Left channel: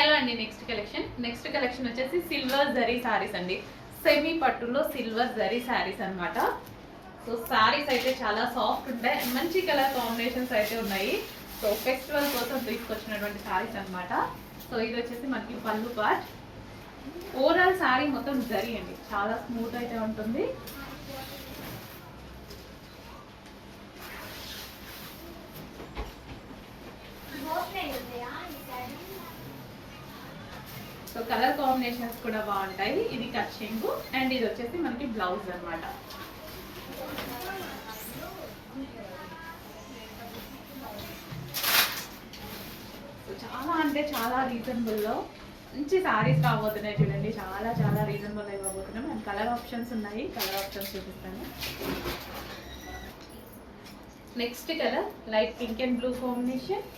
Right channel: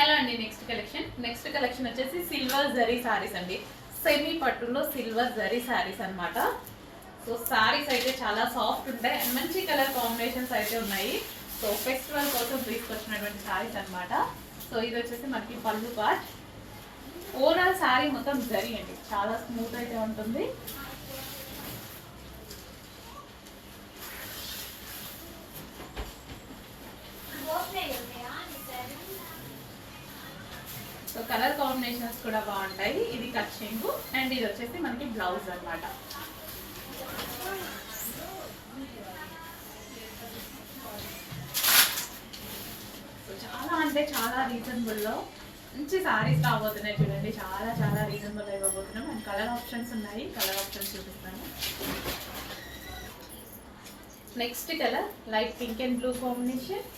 Hello అండి. Next collection వచ్చేసి silver zari saris అండి. సెమీ పట్టులో సిల్వర్ జరీ సారీస్ అన్నమాట. సో సారీస్ అయితే చాలా సాఫ్ట్ ఉంటాయి, మంచి కలర్ కాంబినేషన్స్ అయితే ఉన్నాయి. సో ఫెస్టివల్ కోసం తీసుకొచ్చినటువంటి సారీస్ అన్నమాట. సో ఇది వచ్చేసి మనకి పళ్ళు పార్ట్. ఓవరాల్ సారీ మొత్తం జరీ అండి, చాలా స్మూత్ అయితే ఉంటుంది. సో కలర్ కాంబినేషన్స్ కూడా బాగుంటాయి. ఇది కచ్చింగ్ అండ్ ఇది వచ్చేసి మనకి బ్లౌజ్ అన్నమాట. సో చాలా అంటే చాలా రీజనబుల్లో మంచి సారీస్ రాబోతున్నాయి చూడండి. చాలా చాలా రీజనబుల్ అయిపోతున్నాం. అండ్ కలర్ ఆప్షన్స్ ఉన్నాయి, కలర్ ఆప్షన్స్ చూపిస్తాను. Next colour light pink and blue combination.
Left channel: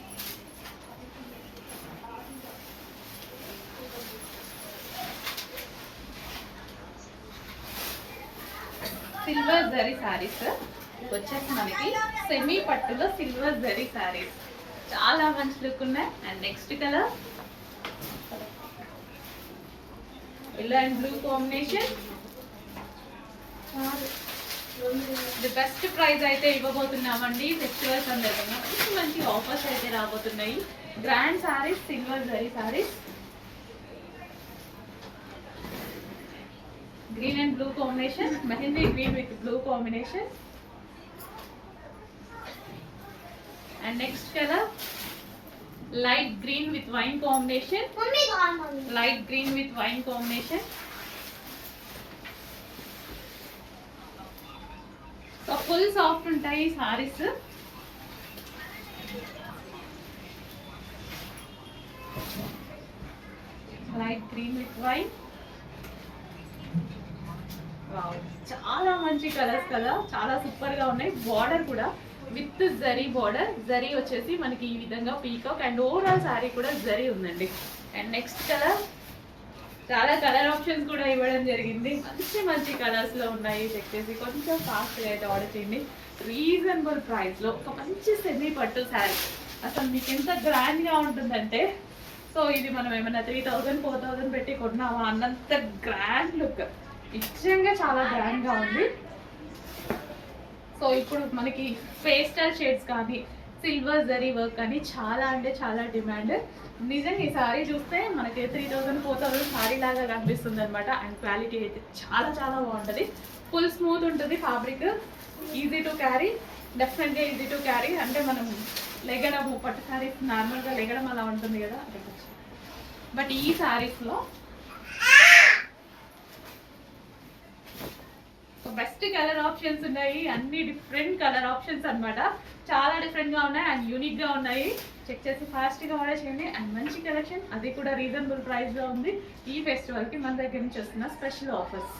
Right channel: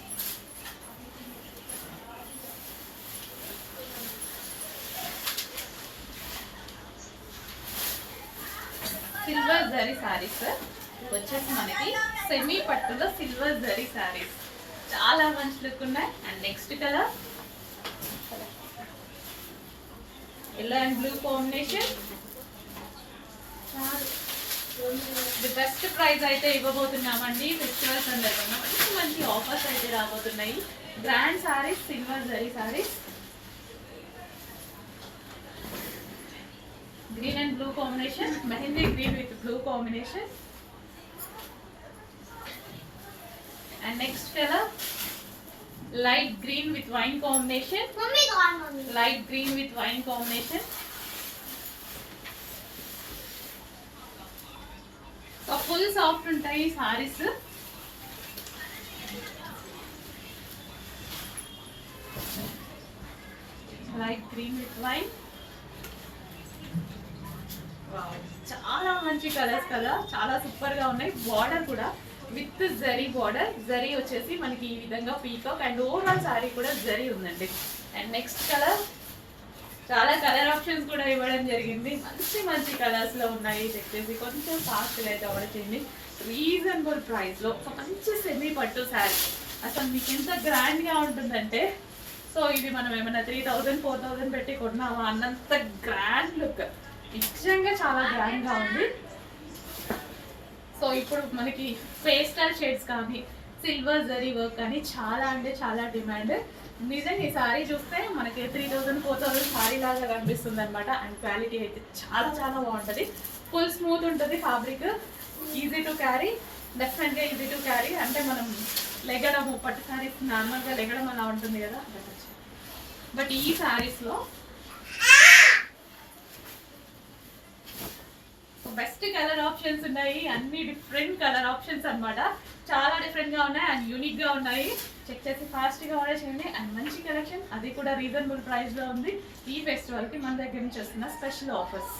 Silver zari saris వచ్చేసి మనకి సెమీ పట్టులో సిల్వర్ జరీ సారీస్ చాలా మంచి లుక్ ఉన్నాయి. And next colour yellow and blue combination. The best price అయితే ఇవ్వబోతున్నామండి. ఫెస్టివల్ సందర్భంగా మంచి మంచి ఆఫర్స్ అయితే రాబోతున్నాయి. Grand saris, silver zari saris, green and blue combination, mehendi green with blue combination. And next color light green with wine combination. Light green with wine combination. So full soft untayi sarees. Light green with wine. చాలా మంచి colours కదా, చాలా super గా ఉన్నాయి. Border కూడా with zari border. Zari వచ్చేసి మనకి ఈ విధంగా పీకాక్ అండ్ ఓవరాల్ సారీ కూడా జరీ ఉందండి. అండ్ నెక్స్ట్ కలర్ చాలా కలర్ ఆప్షన్స్ కూడా ఇవ్వడం జరిగింది. మంచి మంచి కలర్స్ లో ఉన్నాయి. చెక్ చేసి కొంచెం ఫాస్ట్ గా అయితే ఆర్డర్ చేయండి. రీజనబుల్ ప్రైస్ లో ఒక మంచి సెమీ పట్టు శారీ అసలు మీకు ఎంత గ్రాండ్ గా ఉంటుందంటే, సో ఇది మనం ఏమైనా 3000 4000 పెట్టి కొన్నాము అన్నంత గ్రాండ్ లుక్. నిజంగా చాలా గ్రాండ్ గా ఉంది. సో ఇప్పుడు మనకి పేస్టల్ షేడ్స్ కానీ సిల్వర్ జరీ వర్క్ కానీ చాలా అంటే చాలా డిమాండ్. నిజంగా ఈ సారీ చూస్తే మనకి 3000 4000 సారీ లాగా కనిపిస్తుంది అనమాట. అండ్ క్వాలిటీ అయితే చాలా చాలా బాగుంటుంది. ఫుల్ స్మూత్ ఉంటుంది ఫ్యాబ్రిక్. ఈజీ టు క్యారీ, డెఫినెట్గా ఈజీ టు క్యారీ. అంటే మనం లెగడము పట్టు సారీస్ నార్మల్గా లెగడం అలా ఉంటుంది కదా, బట్ ఈ సారీస్లో బెస్ట్ కలర్ ఆప్షన్స్ ఉన్నాయి. అన్ని డిఫరెంట్ కలర్ ఆప్షన్స్ అన్నమాట. చాలా డిఫరెంట్ గా ఉన్నాయి అండ్ యూనిక్ గా ఉన్నాయి. చెక్ చేసి ఫాస్ట్ గా ఆర్డర్ చేయండి. అండ్ మంచి కలెక్షన్, అది కూడా రీజనబుల్ ప్రైస్ లో ఉంది. ఈ ఫెస్టివల్ కి మన దగ్గర నుంచి వస్తున్న స్పెషల్ ఆఫర్స్.